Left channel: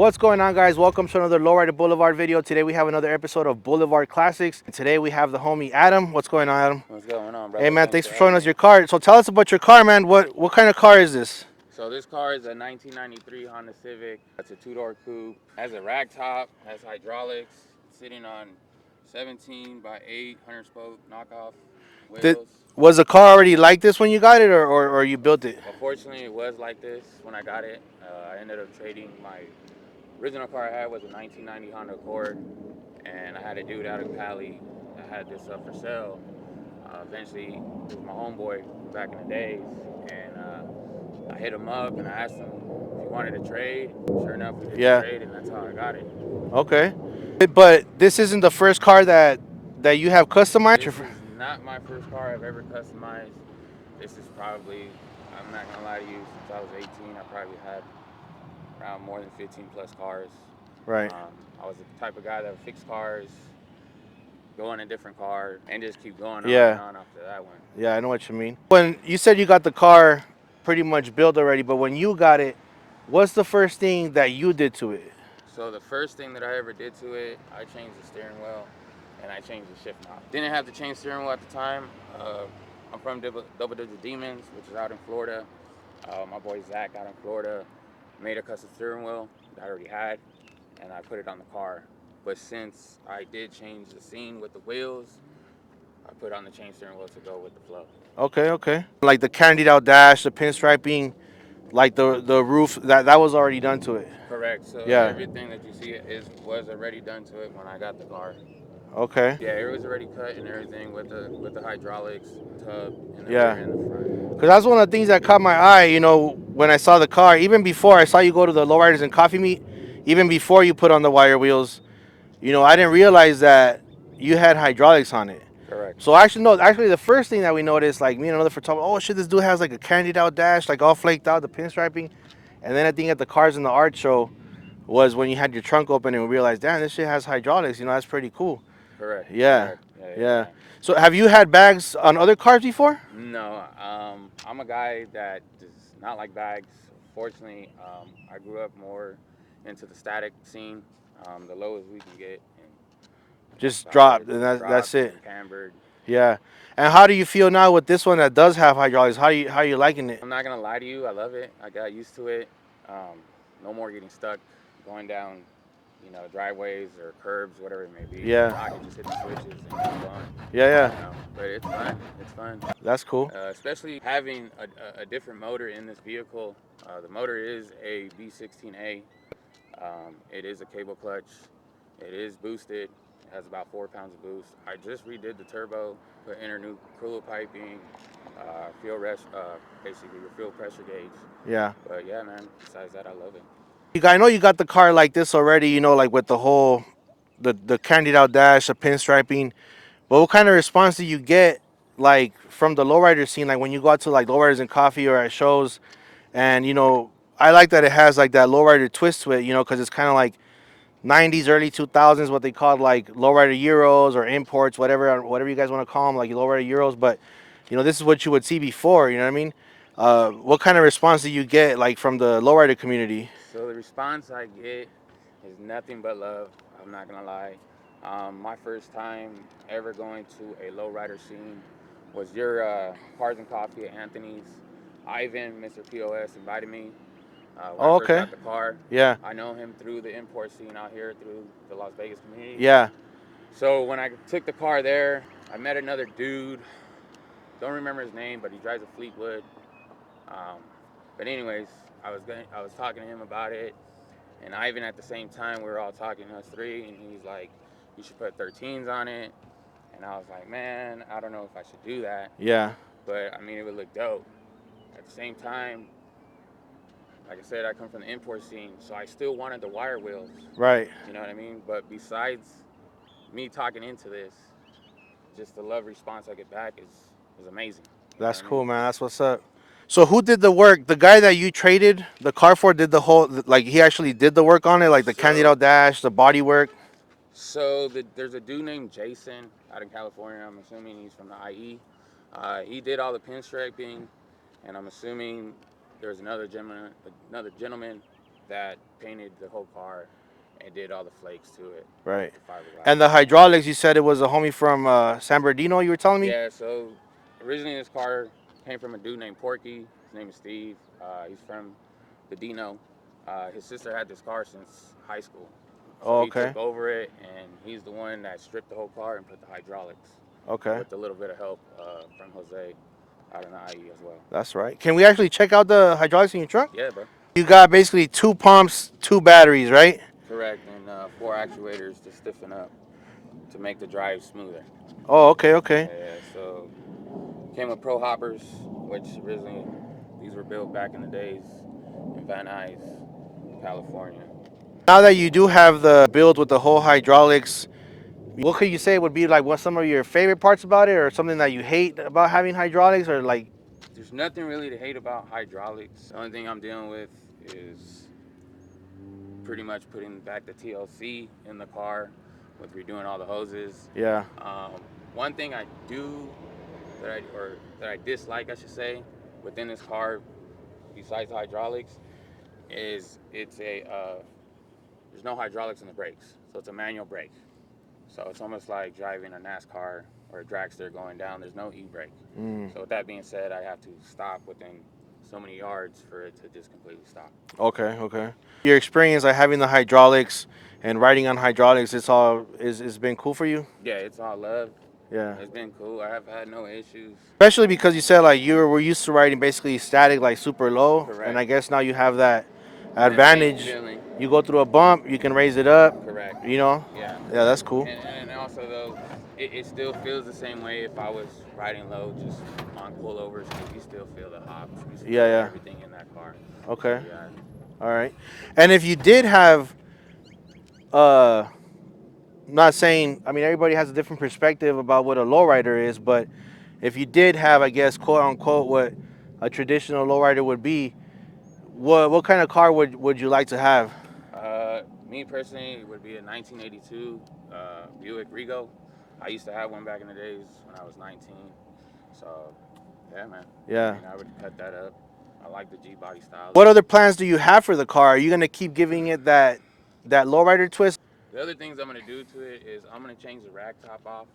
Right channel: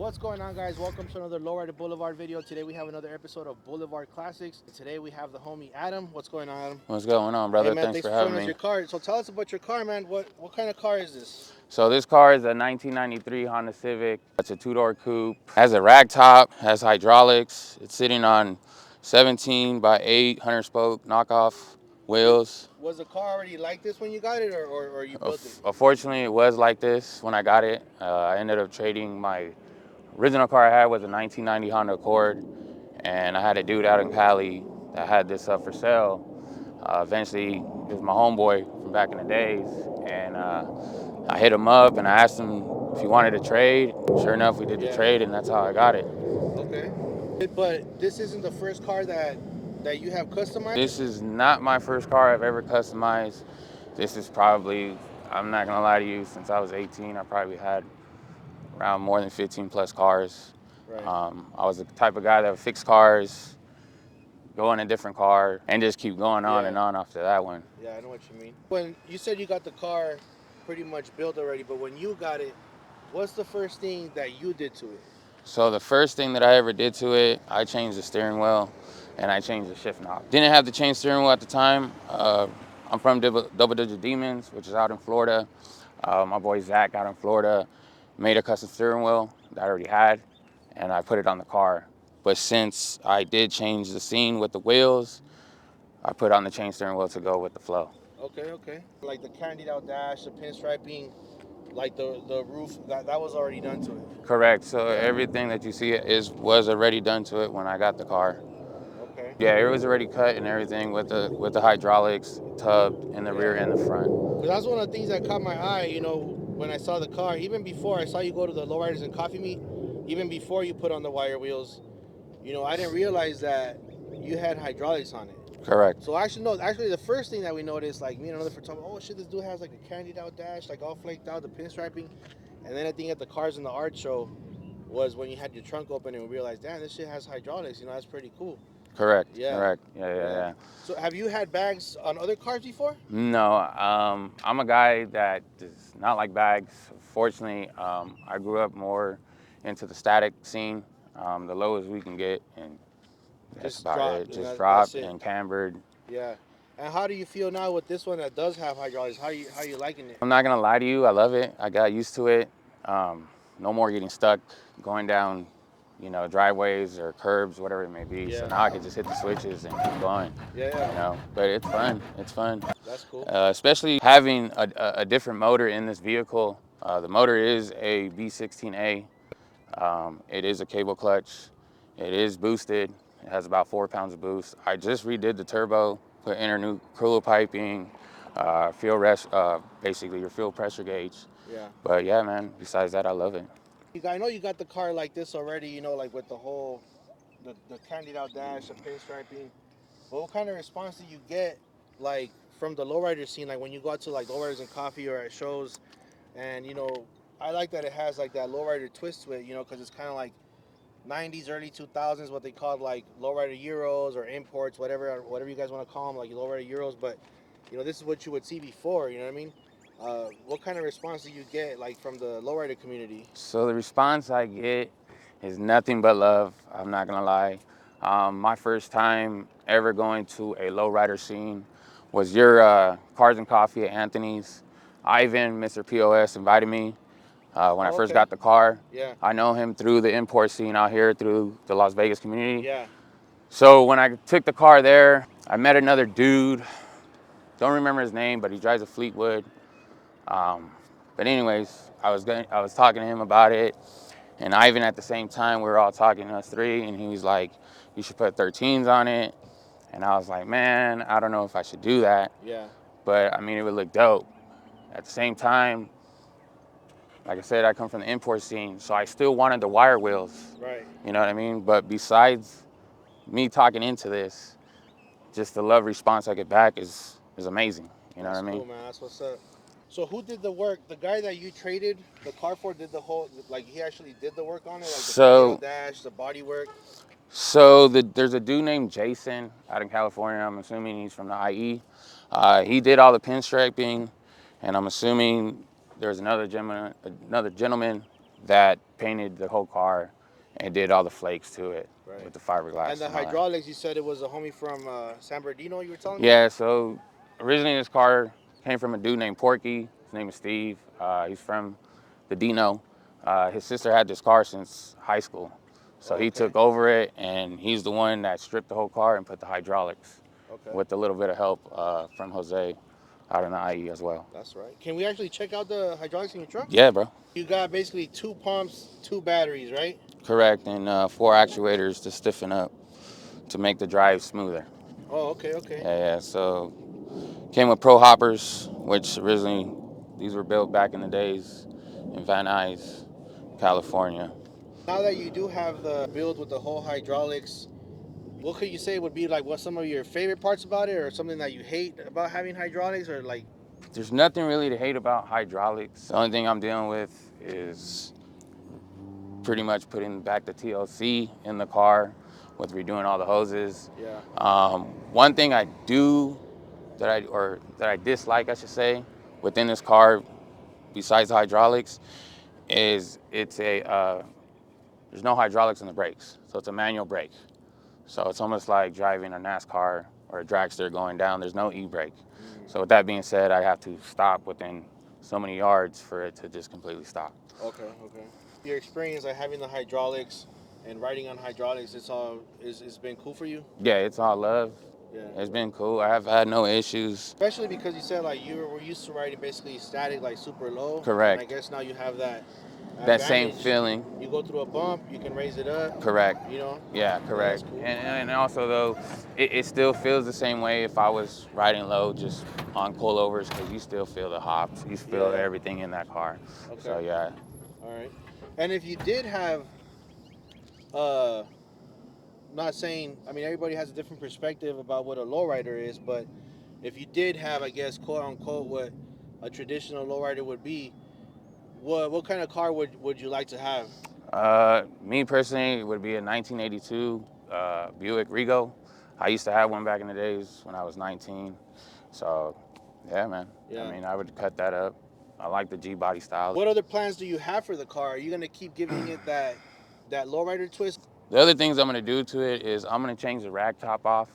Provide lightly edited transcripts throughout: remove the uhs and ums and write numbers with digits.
What's going on, guys? Welcome to another Lowrider Blvd video. Today we have another episode of Blvd Classics. And today we have the homie Adam. What's going on, Adam? What's going on, brother? Hey man, thanks for showing us me. your car. So tell us about your car, man. What kind of car is this? So this car is a 1993 Honda Civic. It's a two-door coupe. Has a rag top, has hydraulics. It's sitting on 17 by 8 100 spoke knockoff wheels. Was the car already like this when you got it, or you built it? Unfortunately, it was like this when I got it. I ended up trading my original car I had was a 1990 Honda Accord, and I had a dude out in Cali that had this up for sale. Eventually, it was my homeboy from back in the days, and I hit him up and I asked him if he wanted to trade. Sure enough, we did the trade, and that's how I got it. Okay. But this isn't the first car that you have customized? This is not my first car I've ever customized. This is probably, I'm not gonna lie to you, since I was 18, I probably had around more than 15 plus cars. Right. I was the type of guy that would fix cars, go in a different car, and just keep going on and on after that one. Yeah, I know what you mean. When you said you got the car pretty much built already, but when you got it, what's the first thing that you did to it? So the first thing that I ever did to it, I changed the steering wheel and I changed the shift knob. Didn't have to change steering wheel at the time. I'm from Double Digit Demons, which is out in Florida. My boy Zach out in Florida made a custom steering wheel that I already had, and I put it on the car. But since I did change the scene with the wheels, I put on the chain steering wheel to go with the flow. Okay. Like the candied out dash, the pinstriping, like the roof, that was already done to it. Correct. So everything that you see was already done to it when I got the car. Okay. Yeah, it was already cut and everything with the hydraulics, tub in the rear and the front. Because that's one of the things that caught my eye, when I saw the car. Even before I saw you go to the Lowriders and Coffee Meet, even before you put on the wire wheels, I didn't realize that you had hydraulics on it. Correct. So actually the first thing that we noticed, like me and another photographer, oh shit, this dude has like a candied out dash, like all flaked out, the pinstriping. And then I think at the Cars in the Art show was when you had your trunk open and we realized, damn, this shit has hydraulics. That's pretty cool. Correct. Yeah. Correct. Yeah. So have you had bags on other cars before? No. I'm a guy that does not like bags. Fortunately, I grew up more into the static scene, the lowest we can get, and just dropped, and that's it. And cambered. Yeah. And how do you feel now with this one that does have hydraulics? How you liking it? I'm not gonna lie to you, I love it. I got used to it. No more getting stuck going down, driveways or curbs, whatever it may be. Yeah. So now I can just hit the switches and keep going. Yeah. But it's fun. It's fun. That's cool. Especially having a different motor in this vehicle. The motor is a V16A. It is a cable clutch. It is boosted. It has about 4 pounds of boost. I just redid the turbo, put in new cooler piping, basically your fuel pressure gauge. Yeah. But yeah, man, besides that, I love it. I know you got the car like this already, like with the whole, the candied out dash, the pinstriping. But what kind of response do you get, like, from the lowrider scene? Like when you go out to like Lowriders and Coffee or at shows, and I like that it has like that lowrider twist to it, because it's kind of like 90s, early 2000s, what they called like Lowrider Euros or imports, whatever you guys want to call them, like Lowrider Euros. But this is what you would see before. You know what I mean? What kind of response do you get like from the lowrider community? So the response I get is nothing but love. I'm not gonna lie. My first time ever going to a lowrider scene was your Cars and Coffee at Anthony's. Ivan, Mr. POS, invited me. When I first got the car. Yeah. I know him through the import scene out here through the Las Vegas community. Yeah. So when I took the car there, I met another dude. Don't remember his name, but he drives a Fleetwood. But anyways, I was talking to him about it, and Ivan at the same time, we were all talking, us three, and he was like, you should put 13s on it. And I was like, man, I don't know if I should do that. Yeah. But I mean, it would look dope. At the same time, like I said, I come from the import scene, so I still wanted the wire wheels. Right. You know what I mean? But besides me talking into this, just the love response I get back is amazing. That's cool, man. That's what's up. So who did the work? The guy that you traded the car for did the whole, like he actually did the work on it, like the candied out dash, the body work? So there's a dude named Jason out in California. I'm assuming he's from the IE. He did all the pinstriping, and I'm assuming there's another gentleman that painted the whole car and did all the flakes to it Right. with the fiberglass And the and all that. hydraulics, you said it was a homie from San Bernardino, you were telling me? Yeah, so originally this car came from a dude named Porky. His name is Steve. He's from the Dino. His sister had this car since high school. So Oh, he okay. took over it, and he's the one that stripped the whole car and put the hydraulics Okay. with a little bit of help from Jose out in the IE as well. That's right. Can we actually check out the hydraulics in your trunk? Yeah, bro. You got basically 2 pumps, 2 batteries, right? Correct, and 4 actuators to stiffen up to make the drive smoother. Oh, okay, okay. Yeah, so came with Pro Hoppers, which originally these were built back in the days in Van Nuys, California. Now that you do have the build with the whole hydraulics, what could you say would be like what some of your favorite parts about it, or something that you hate about having hydraulics, or like? There's nothing really to hate about hydraulics. The only thing I'm dealing with is pretty much putting back the TLC in the car with redoing all the hoses. Yeah. One thing I do that I dislike, I should say, within this car, besides the hydraulics, is there's no hydraulics in the brakes, so it's a manual brake. So it's almost like driving a NASCAR or a dragster going down. There's no e-brake. So with that being said, I have to stop within so many yards for it to just completely stop. Okay, okay. Your experience like having the hydraulics and riding on hydraulics, it's been cool for you? Yeah, it's all love. Yeah. It's been cool. I have had no issues. Especially because you said like were used to riding basically static, like super low. Correct. And I guess now you have that That same advantage. feeling. You go through a bump, you can raise it up. Correct. You know? Yeah, correct. Yeah, that's cool. And also though, it still feels the same way if I was riding low, just on pullovers, because you still feel the hops, you feel Yeah. everything in that car. Okay. So, yeah. All right. And if you did have, I'm not saying, I mean, everybody has a different perspective about what a lowrider is, but if you did have, I guess, quote unquote, what a traditional lowrider would be, what kind of car would you like to have? Me personally, it would be a 1982 Buick Regal. I used to have one back in the days when I was 19. So, yeah, man. Yeah. I mean, I would cut that up. I like the G body style. What other plans do you have for the car? Are you gonna keep giving it that lowrider twist? The other things I'm gonna do to it is I'm gonna change the rag top off.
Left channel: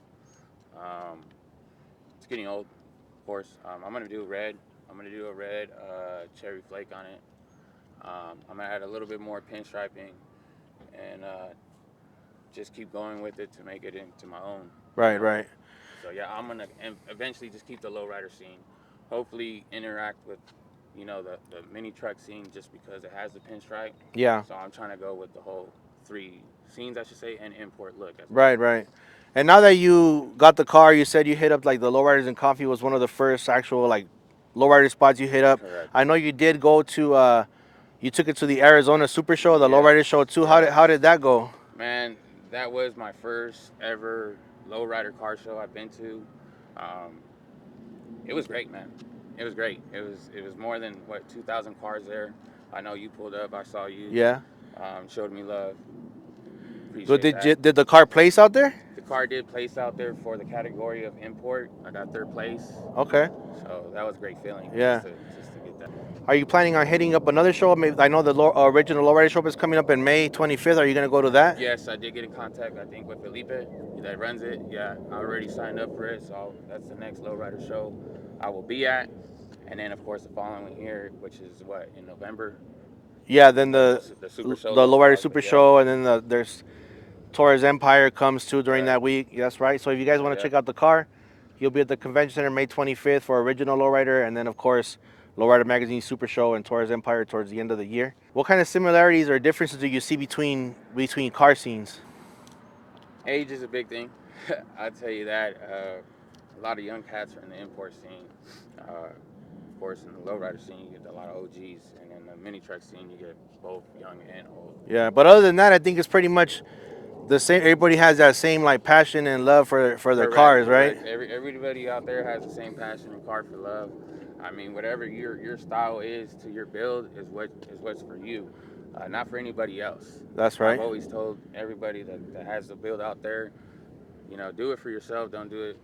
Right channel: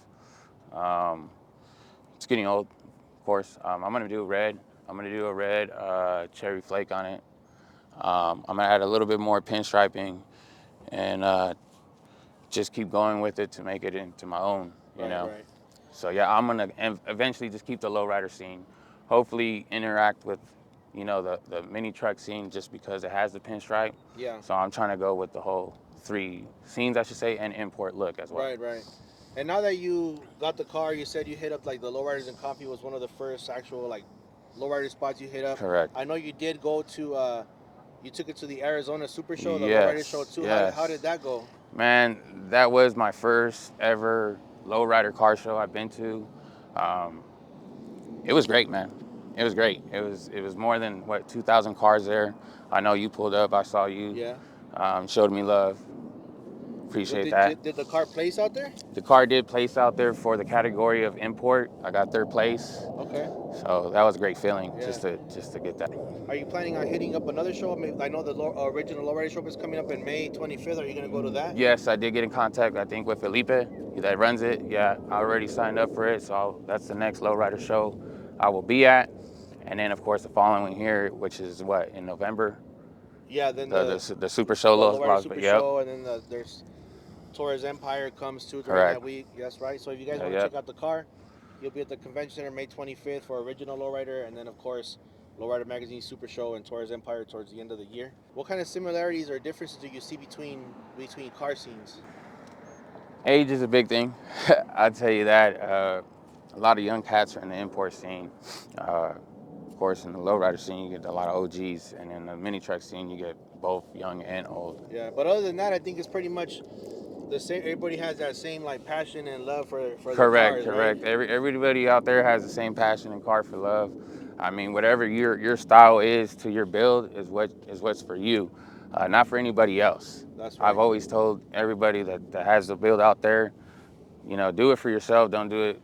Um, it's getting old, of course. I'm gonna do a red. I'm gonna do a red cherry flake on it. I'm gonna add a little bit more pinstriping and just keep going with it to make it into my own. Right, right. So yeah, I'm gonna eventually just keep the lowrider scene. Hopefully interact with, the mini truck scene, just because it has the pinstripe. Yeah. So I'm trying to go with the whole 3 scenes, I should say, and import look as well. Right, right. And now that you got the car, you said you hit up like the Lowriders and Coffee was one of the first actual like lowrider spots you hit up. Correct. I know you did go to you took it to the Arizona Super Show, the Lowrider Show too. Yes. How did that go? Man, that was my first ever lowrider car show I've been to. It was great, man. It was great. It was more than 2,000 cars there. I know you pulled up. I saw you. Yeah. Showed me love. So Appreciate that. did the car place out there? The car did place out there for the category of import. I got 3rd place. Okay. So that was a great feeling. Yeah. Just to get that. Are you planning on hitting up another show? I know the original Lowrider Show is coming up in May 25th. Are you gonna go to that? Yes, I did get in contact, I think, with Felipe that runs it. Yeah, I already signed up for it. So that's the next Lowrider show I will be at. And then, of course, the following year, which is in November? Yeah, then the Super Show. the Lowrider Super Show, and then there's Torres Empire comes too during that week. That's right. So if you guys want to check out the car, you'll be at the convention center May 25th for original Lowrider, and then of course Lowrider Magazine Super Show and Torres Empire towards the end of the year. What kind of similarities or differences do you see between car scenes? Age is a big thing. I'll tell you that. A lot of young cats are in the import scene. Of course, in the lowrider scene, you get a lot of OGs, and in the mini truck scene, you get both young and old. Yeah, but other than that, I think it's pretty much the same. Everybody has that same like passion and love for their cars, correct. right? Everybody out there has the same passion and car for love. I mean, whatever your style is to your build is what's for you, not for anybody else. That's right. I've always told everybody that has the build out there, do it for yourself. Don't do it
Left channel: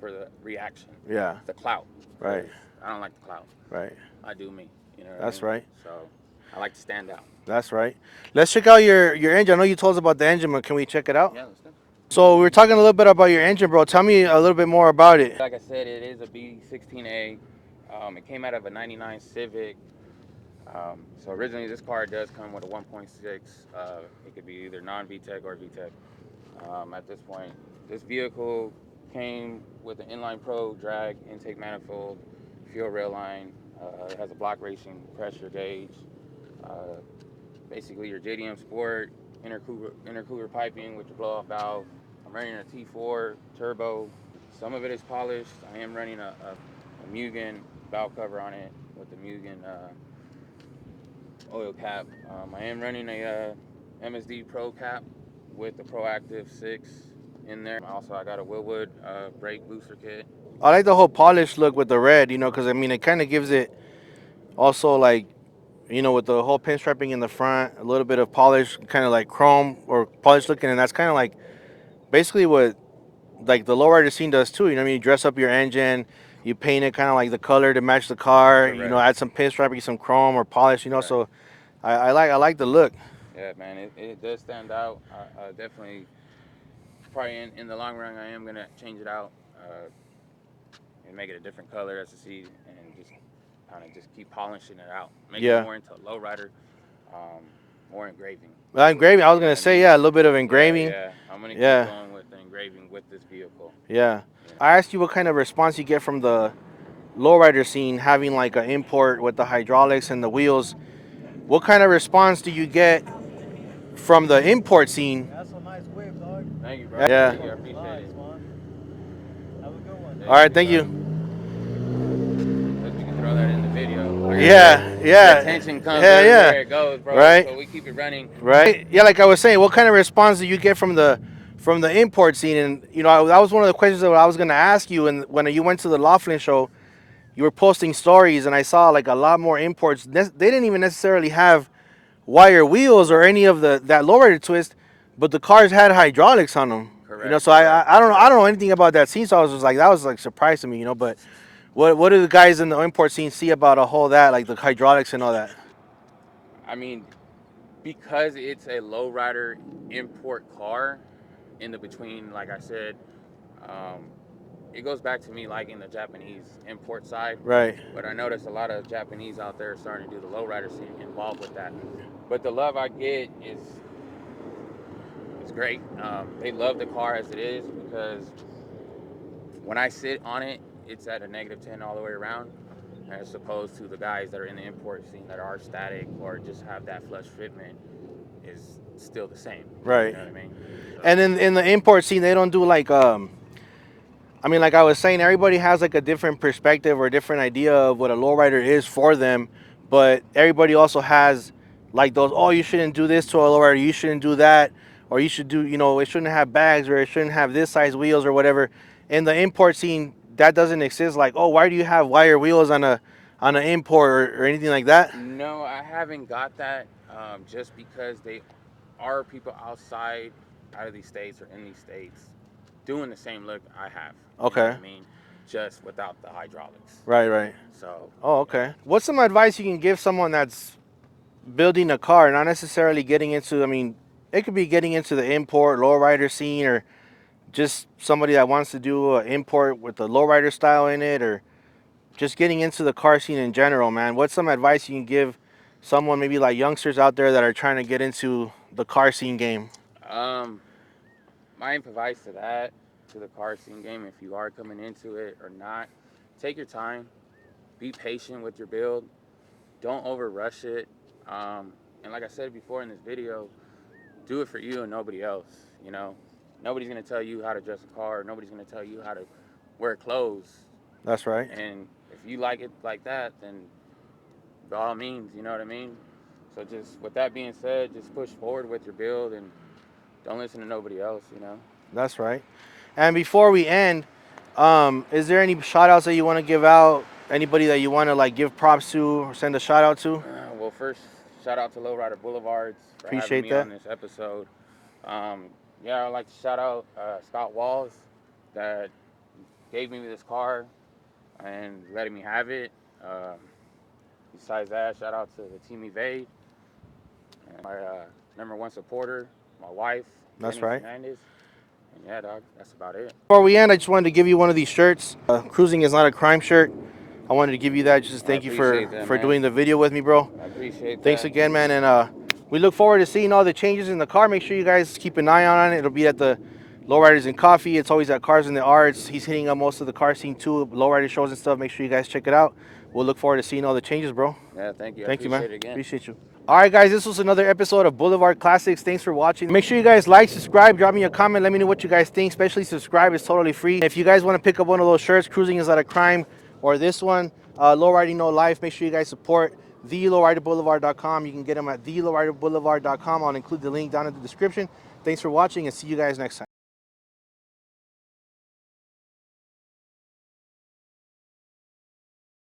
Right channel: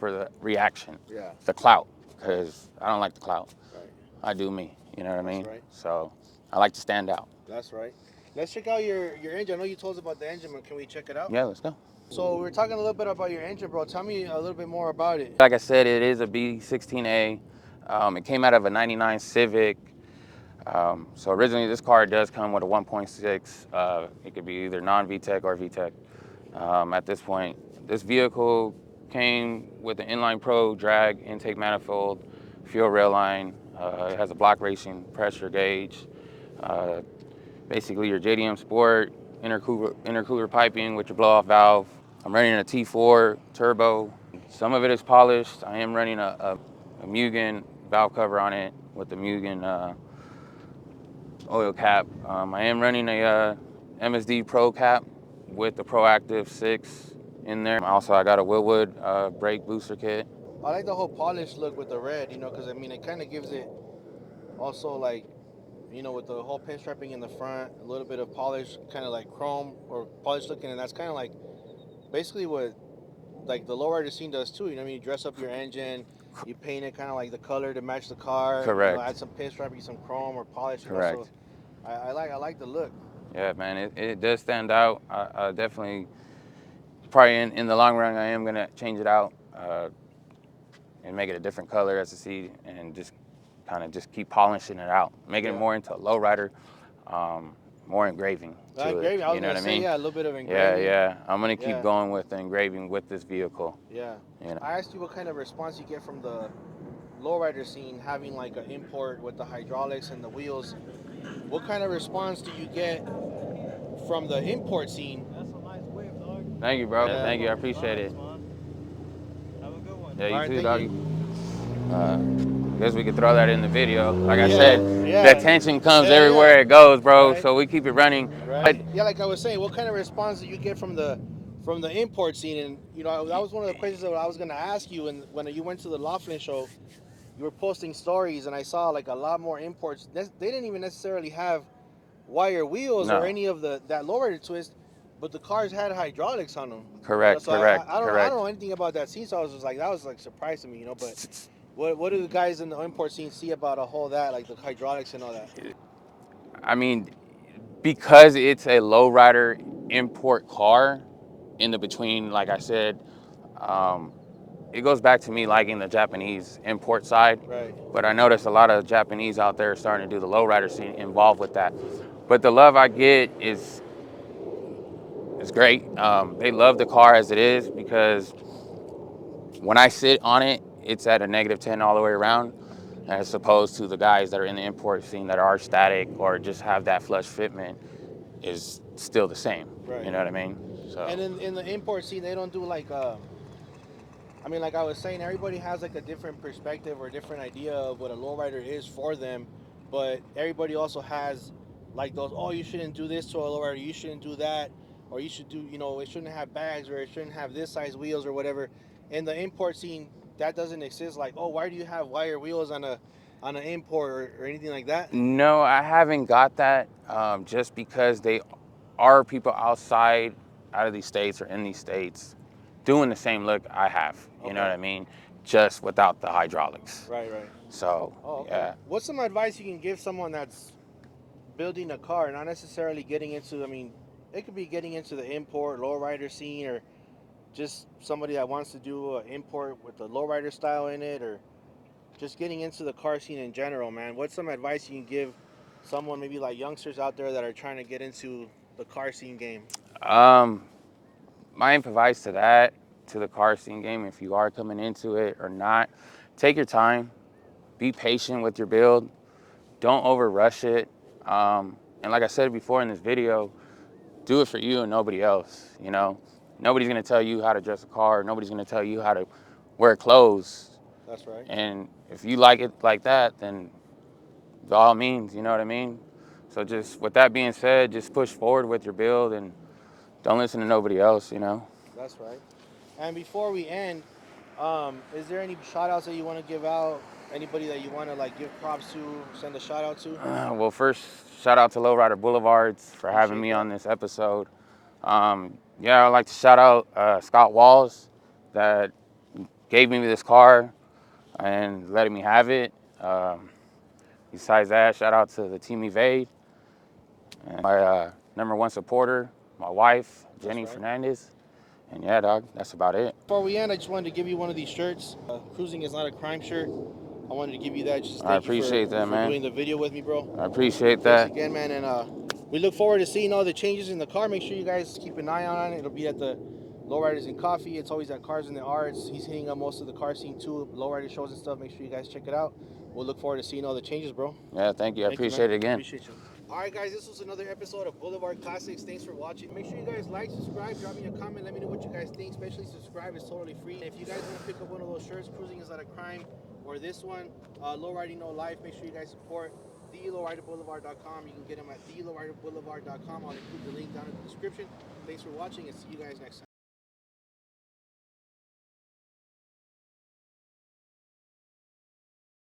for the reaction. Yeah. The clout. Right. I don't like the clout. Right. I do me. You know what I mean? That's right. So I like to stand out. That's right. Let's check out your engine. I know you told us about the engine, but can we check it out? Yeah, let's go. So we were talking a little bit about your engine, bro. Tell me a little bit more about it. Like I said, it is a B16A. It came out of a 99 Civic. So originally this car does come with a 1.6. It could be either non-VTEC or VTEC. At this point, this vehicle came with an inline pro drag intake manifold, fuel rail line. It has a block racing pressure gauge. Uh, Basically your JDM Sport intercooler piping with your blow-off valve. I'm running a T4 turbo. Some of it is polished. I am running a Mugen valve cover on it with the Mugen oil cap. I am running a MSD Pro cap with the Proactive 6 in there. Also, I got a Willwood brake booster kit. I like the whole polished look with the red, you know, because I mean it kind of gives it also like, you know, with the whole pinstriping in the front, a little bit of polish, kind of like chrome or polished looking, and that's kind of like basically what like the lowrider scene does too. You know what I mean? You dress up your engine, you paint it kind of like the color to match the car. You know, Correct. add some pinstriping, some chrome or polish. You know, Correct. so I like the look. Yeah, man, it does stand out. I definitely, probably in the long run, I am gonna change it out and make it a different color as a seat, and just kind of just keep polishing it out, make it Yeah. more into lowrider, more engraving. To it, Engraving. I was you know gonna what I say mean? yeah, a little bit of Yeah, engraving. yeah. I'm gonna keep Yeah, going with the engraving with this vehicle. yeah. You know. I asked you what kind of response you get from the lowrider scene having like an import with the hydraulics and the wheels. What kind of response do you get from the import scene? That's a nice whip, dog. Thank you, bro. Yeah. Thank you. I appreciate it. Have a good one. Yeah, All you right, too, thank doggy. you. Guess we could throw that in the video. Like I Yeah, said, yeah, the tension comes yeah, everywhere yeah. it goes, bro. Right. So we keep it running. Right. Yeah, like I was saying, what kind of response do you get from the import scene? And you know, that was one of the questions that I was gonna ask you. And when you went to the Laughlin show, you were posting stories, and I saw like a lot more imports. They didn't even necessarily have wire wheels or No. any of that lowrider twist, but the cars had hydraulics on them. You know, Correct, so correct, I don't know correct. anything about that scene, so I was just like that was like surprise to me, you know. But what do the guys in the import scene see about a whole that like the hydraulics and all that? I mean, because it's a lowrider import car, in the between, like I said, um, it goes back to me liking the Japanese import side. Right. But I noticed a lot of Japanese out there starting to do the lowrider scene involved with that. But the love I get is great. They love the car as it is, because when I sit on it, it's at a -10 all the way around, as opposed to the guys that are in the import scene that are static or just have that flush fitment is still the same. You Right. know what I mean? So, And then in the import scene, they don't do like I mean, like I was saying, everybody has like a different perspective or a different idea of what a lowrider is for them, but everybody also has like those, oh, you shouldn't do this to a lowrider, you shouldn't do that, or you should do, you know, it shouldn't have bags or it shouldn't have this size wheels or whatever. In the import scene, that doesn't exist. Like, oh, why do you have wire wheels on an import or anything like that? no, I haven't got that, just because they are people outside, out of these states or in these states, doing the same look I have. You know what Okay. I mean? Just without the hydraulics. Right, right. So, Oh, okay. yeah. What's some advice you can give someone that's building a car, not necessarily getting into, I mean, it could be getting into the import lowrider scene or just somebody that wants to do an import with the lowrider style in it, or just getting into the car scene in general, man? What's some advice you can give someone, maybe like youngsters out there that are trying to get into the car scene game? Um, my advice to that, to the car scene game, if you are coming into it or not, take your time, be patient with your build, don't over rush it. And like I said before in this video, do it for you and nobody else. You know, nobody's gonna tell you how to dress a car. Nobody's gonna tell you how to wear clothes. That's right. And if you like it like that, then by all means, you know what I mean? So just with that being said, just push forward with your build and don't listen to nobody else, you know? That's right. And before we end, is there any shout outs that you want to give out? Anybody that you want to like give props to or send a shout out to? Well, first, shout out to Lowrider Blvd for having Appreciate me that. on this episode. Yeah, I'd like to shout out Scott Walls that gave me this car and letting me have it. Besides that, shout out to the team Blvd And my #1 supporter, my wife, That's Jenny right. Fernandez. And yeah, dog, that's about it. Before we end, I just wanted to give you one of these shirts. Cruising is not a crime shirt. I wanted to give you that. Just I thank you appreciate that, for man. doing the video with me, bro. I appreciate Thanks that. again, man. And we look forward to seeing all the changes in the car. Make sure you guys keep an eye on it. It'll be at the Lowriders and Coffee. It's always at Cars in the Arts. He's hitting up most of the car scene too, lowrider shows and stuff. Make sure you guys check it out. We'll look forward to seeing all the changes, bro. Yeah, thank you. I Thank you, appreciate man. it again. Appreciate you. All right, guys, this was another episode of Blvd Classics. Thanks for watching. Make sure you guys like, subscribe, drop me a comment. Let me know what you guys think. Especially subscribe. It's totally free. If you guys want to pick up one of those shirts, Cruising is Not a Crime, or this one, Low Riding No Life, make sure you guys support thelowriderblvd.com. You can get them at thelowriderblvd.com. I'll include the link down in the description. Thanks for watching, and see you guys next time.